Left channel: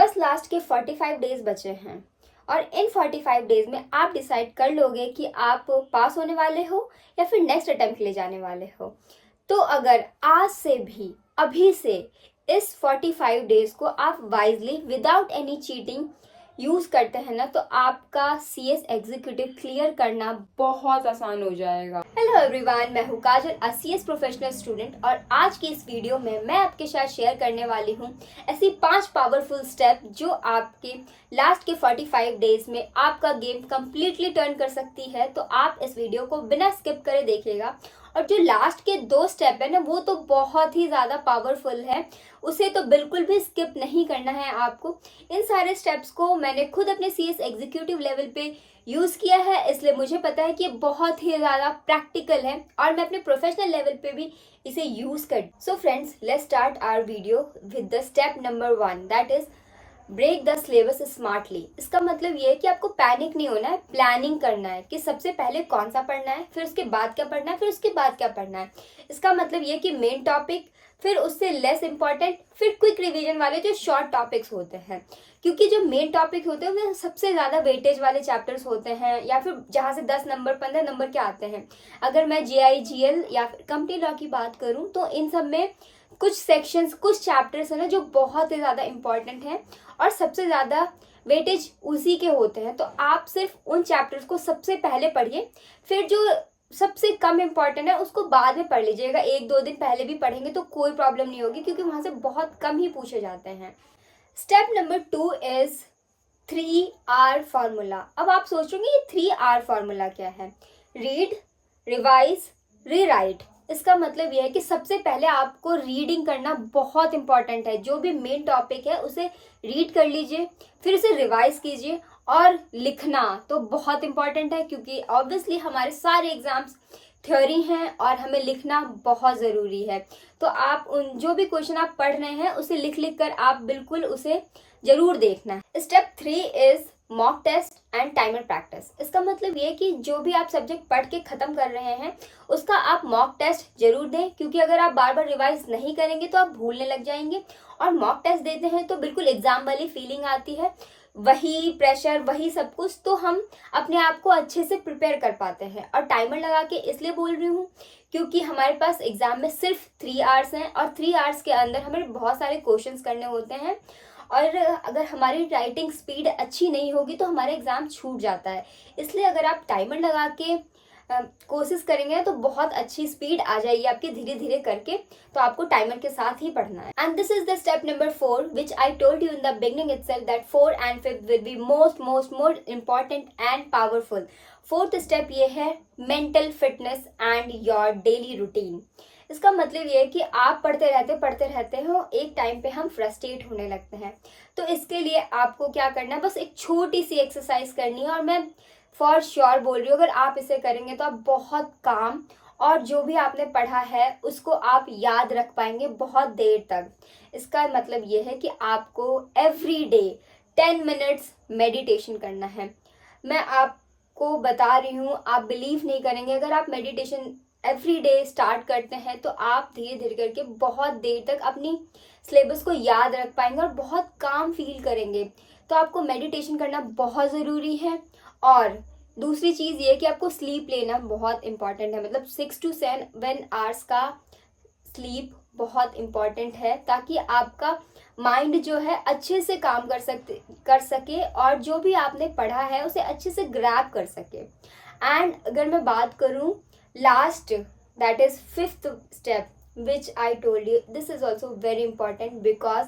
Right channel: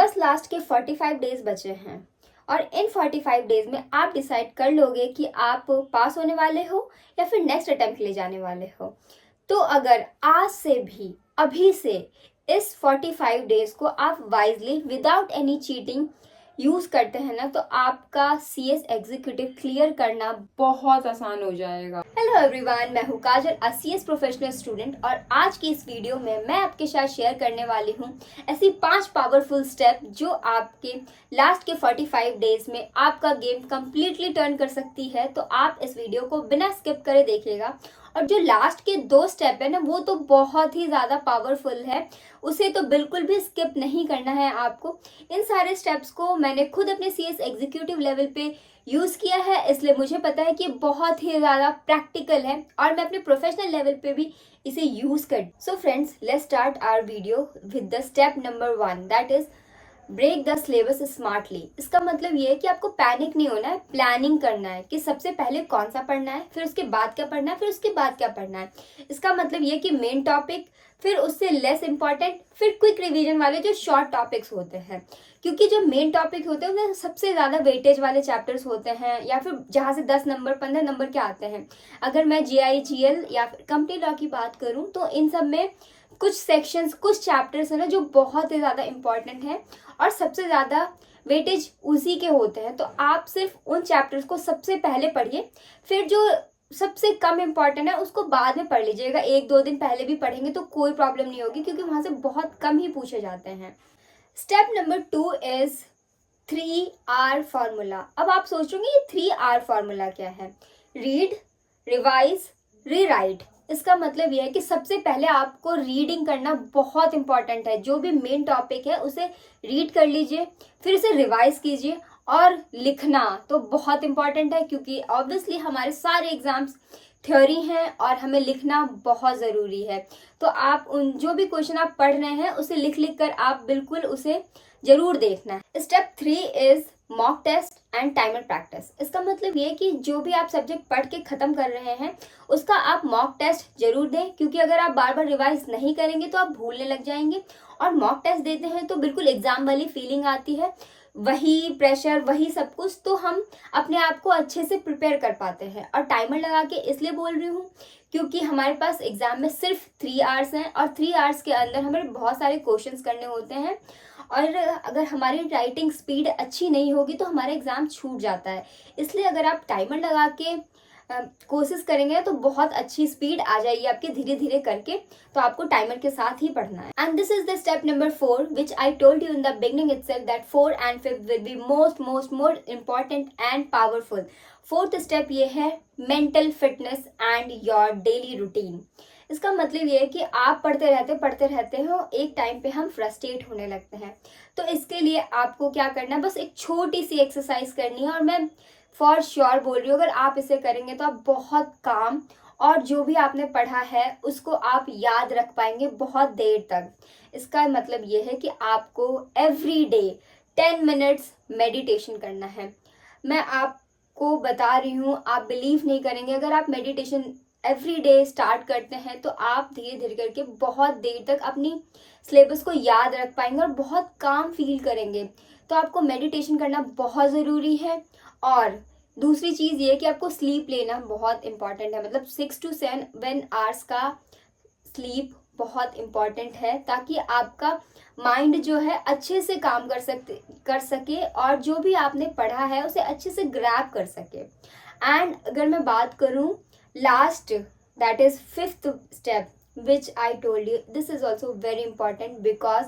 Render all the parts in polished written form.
बस लास्ट के 45 डेज बचे हैं और इन 45 डेज में आप डिसाइड कर लोगे कि आप पास होने वाले हो या फिर नेक्स्ट अटेम्प्ट के लिए जाने वाले हो। तो अगर आज से भी, अभी से इस 45 डेज को आप wisely without any cheating use करते हैं ना, तो आपका CS एग्जीक्यूटिव क्लियर करना बहुत आसान हो जाएगा। हेलो एवरीवन, मैं हूँ काजल, CS प्रोफेशनल स्टूडेंट, और आज की इस वीडियो में मैं आपके साथ शेयर करने वाली हूँ ऐसी 5 पावरफुल स्टेप जो आपके लास्ट के 45 डेज में आपका गेम कंप्लीटली टर्न कर सकती है। तो आप इस वीडियो को बिना स्किप करे देखिएगा। और जो लास्ट के 2 स्टेप है ना, वो तो बहुत ही ज़्यादा पावरफुल है, उसे तो बिल्कुल भी स्किप नहीं करना है आपको। इन सारे स्टेप्स को मैंने खुद अपने CS एग्जीक्यूटिव लेवल पे यूज़ किया है, इसलिए मुझे पता है कि ये बहुत ही ज़्यादा प्रैक्टिकल है और मैं अपने प्रोफेशनल लेवल पे भी इसे यूज़ कर। So friends, let's start our video with the step number 1, that is break the syllabus smartly. इसका मतलब ये है कि आपको पैनिक नहीं होना है, प्लानिंग करना है कि सबसे पहले कौन सा पढ़ना है, फिर उसके बाद क्या पढ़ना है, फिर उसके बाद क्या पढ़ना है। इसका मतलब ये कि मेन टॉपिक, फिर उससे लेस इंपॉर्टेंट, फिर क्विक रिवीजन वाले जो शॉर्ट टॉपिक्स होते हैं। क्योंकि जो मेन टॉपिक होते हैं उनमें सबसे ज़्यादा वेटेज वाले चैप्टर्स होते हैं, या फिर जहाँ से 10 नंबर 15 नंबर के आते हैं। अगर मैं GI GL या फिर कंपनी लॉ की बात करूँ तो इन सब में कुछ सेक्शंस, कुछ चैप्टर्स हैं ना जो बहुत ही ज़्यादा इंपॉर्टेंट हैं और सबसे ज़्यादा वेटेज उसी के होते हैं। तो आप सिर्फ उन चैप्टर्स को सबसे पहले पढ़िए, फिर जो सबसे कम इम्पॉर्टेंट है उसको बाद में पढ़ लीजिएगा। 1-2 दिन पहले भी पढ़ेंगे तो कोई प्रॉब्लम नहीं होगी, क्योंकि वहाँ से बहुत कम ही पूछे जाते हैं। Step number 2 is 3R formula. अब आप सोचोगे ये 3R फार्मूला क्या है? Read, revise, rewrite. इसका मतलब यह है कि सबसे पहले आपको रीडिंग करना बहुत इंपॉर्टेंट है। जो भी मेन टॉपिक है उसे रीड कर लीजिए, फिर उसे रिवाइज कीजिए। और लिखना तो बहुत इंपॉर्टेंट है, क्योंकि ऑब्वियसली हमारे सारे एग्जाम्स थ्योरी हैं और हमें लिखना बहुत ज़रूरी है। तो आप उन जो भी क्वेश्चन आप पढ़ रहे हैं उसे लिख लिख कर आप बिल्कुल उसे ज़रूर देखना है। Step 3 is mock test and timer practice. इसका मतलब ये कि जो भी आप सब्जेक्ट पढ़ के ख़त्म कर रहे हैं उसका आप मॉक टेस्ट जरूर दें, क्योंकि अगर आप बार बार रिवाइज नहीं करेंगे तो आप भूलने लग जाएंगे। और मॉक टेस्ट देते हैं तो बिल्कुल एग्जाम वाली फीलिंग आती है, वही प्रेशर, वही सब कुछ, तो हम अपने आप को अच्छे से प्रिपेयर कर पाते हैं। और टाइमर लगा के इसलिए बोल रही हूँ क्योंकि हमारे पास एग्जाम में सिर्फ 3 आवर्स हैं और 3 आवर्स के अंदर हमें बहुत सारे क्वेश्चंस करने होते हैं। और अगर हमारी राइटिंग स्पीड अच्छी नहीं होगी तो हमारा एग्ज़ाम छूट जाता है। इसलिए अगर आप टाइमर लगा के कोशिश करेंगे तो बहुत अच्छी स्पीड आ जाएगी आपकी धीरे धीरे करके। तो आपको टाइमर के साथ ही पढ़ना है। And this is the step number 4 which I told you in the beginning itself that 4 and 5 will be most more important and powerful. 4th step ये है mental fitness and your daily routine. इसका मतलब ये है कि आप पढ़ते रहते हो, एक टाइम पे हम फ्रस्ट्रेट होने लगते हैं। तो इसके लिए आपको क्या करना है, बस एक छोटी सी एक्सरसाइज करनी है, और मैं फॉर श्योर बोल रही हूँ अगर आप इसे करेंगे तो आप बहुत काम और जो भी आपने पढ़ा है उसको आप याद रख पाएंगे बहुत देर तक। इसका मतलब ये है कि आपको एवरी डे 10 मिनट्स मेडिटेशन करना है। मैं आपको बता रही हूँ, आप बिलीव नहीं करेंगे, अगर आप मेडिटेशन एवरी डे स्टार्ट करते हैं तो आप धीरे धीरे करके बहुत देर तक अपनी सिलेबस को याद रख पाएंगे और बहुत काम फील करेंगे। तो आपको मेडिटेशन करना बहुत ज़रूरी है। और दूसरी चीज़ ये कि आपको स्लीप लेना बहुत इंपॉर्टेंट है, मतलब 6 to 7 आवर्स का स्लीप बहुत इम्पॉर्टेंट है, ताकि आपका माइंड जो है अच्छे से काम कर सके और जो भी आपने पढ़ा है उसे अच्छे से ग्रैब कर सके। एंड अगर मैं बात करूँ last, that is 5th step which I told you, this is also very important because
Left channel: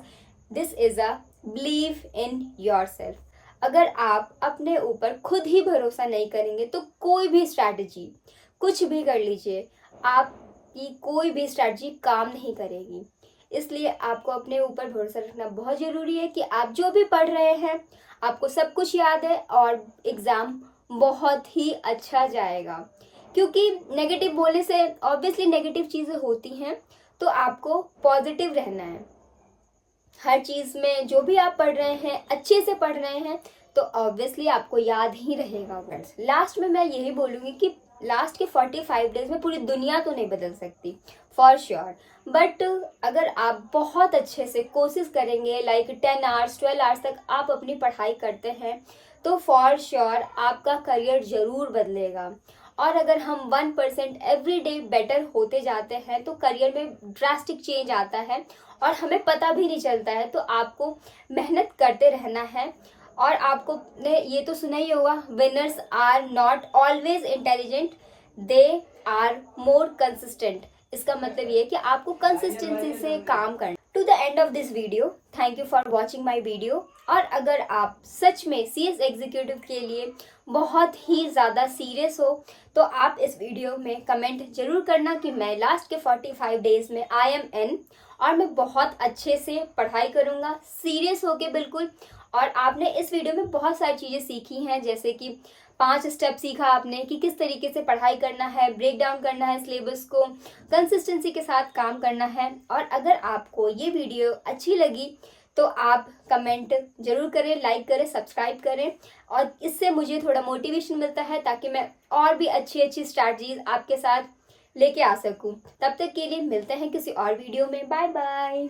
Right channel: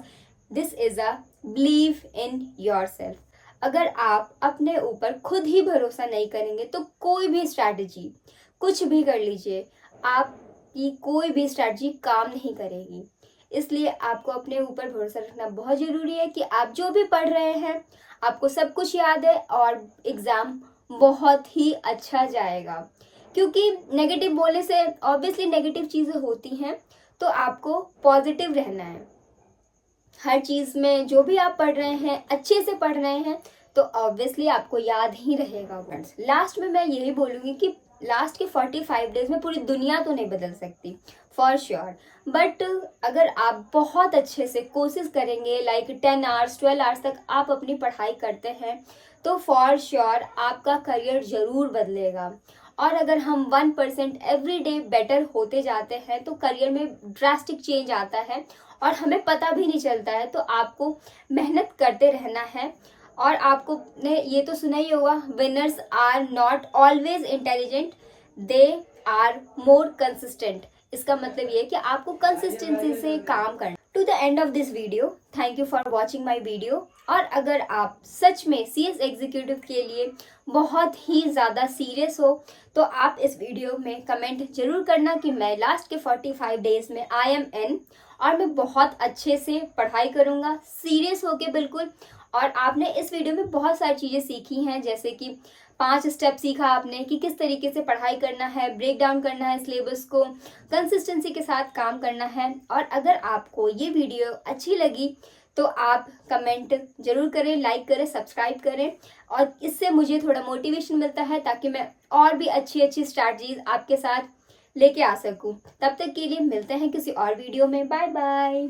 this is a believe in your self. अगर आप अपने ऊपर खुद ही भरोसा नहीं करेंगे तो कोई भी स्ट्रैटेजी, कुछ भी कर लीजिए, आपकी कोई भी स्ट्रैटेजी काम नहीं करेगी। इसलिए आपको अपने ऊपर भरोसा रखना बहुत ज़रूरी है कि आप जो भी पढ़ रहे हैं आपको सब कुछ याद है और एग्ज़ाम बहुत ही अच्छा जाएगा। क्योंकि नेगेटिव बोलने से ऑब्वियसली नेगेटिव चीज़ें होती हैं, तो आपको पॉजिटिव रहना है। हर चीज़ में जो भी आप पढ़ रहे हैं अच्छे से पढ़ रहे हैं तो ऑब्वियसली आपको याद ही रहेगा। फ्रेंड्स, लास्ट में मैं यही बोलूँगी कि लास्ट के 45 डेज में पूरी दुनिया तो नहीं बदल सकती फॉर श्योर, बट अगर आप बहुत अच्छे से कोशिश करेंगे, लाइक 10 आवर्स 12 आवर्स तक आप अपनी पढ़ाई करते हैं, तो फॉर श्योर आपका करियर ज़रूर बदलेगा। और अगर हम 1% एवरी डे बेटर होते जाते हैं तो करियर में ड्रास्टिक चेंज आता है और हमें पता भी नहीं चलता है। तो आपको मेहनत करते रहना है। और आपको ने ये तो सुना ही होगा, winners are not always intelligent, they are more consistent. इसका मतलब ये है कि आपको कंसिस्टेंसी से काम करना। To the end of this video, thank you for watching my video. और अगर आप सच में CS एग्जीक्यूटिव के लिए बहुत ही ज़्यादा सीरियस हो तो आप इस वीडियो में कमेंट जरूर करना कि मैं लास्ट के 45 डेज में आई एम इन, और मैं बहुत अच्छे से पढ़ाई करूँगा, सीरियस होके बिल्कुल। और आपने इस वीडियो में बहुत सारी चीज़ें सीखी हैं, जैसे कि 5 स्टेप सीखा आपने कि किस तरीके से पढ़ाई करना है, ब्रेक डाउन करना है सिलेबस को, कंसिस्टेंसी के साथ काम करना है। और अगर आपको ये वीडियो अच्छी लगी तो आप कमेंट जरूर करें, लाइक करें, सब्सक्राइब करें, और इससे मुझे थोड़ा मोटिवेशन मिलता है ताकि मैं और भी अच्छी अच्छी स्ट्रैटेजीज आपके साथ लेके आ सकूं। तब तक के लिए मिलते हैं किसी और वीडियो में। Bye bye.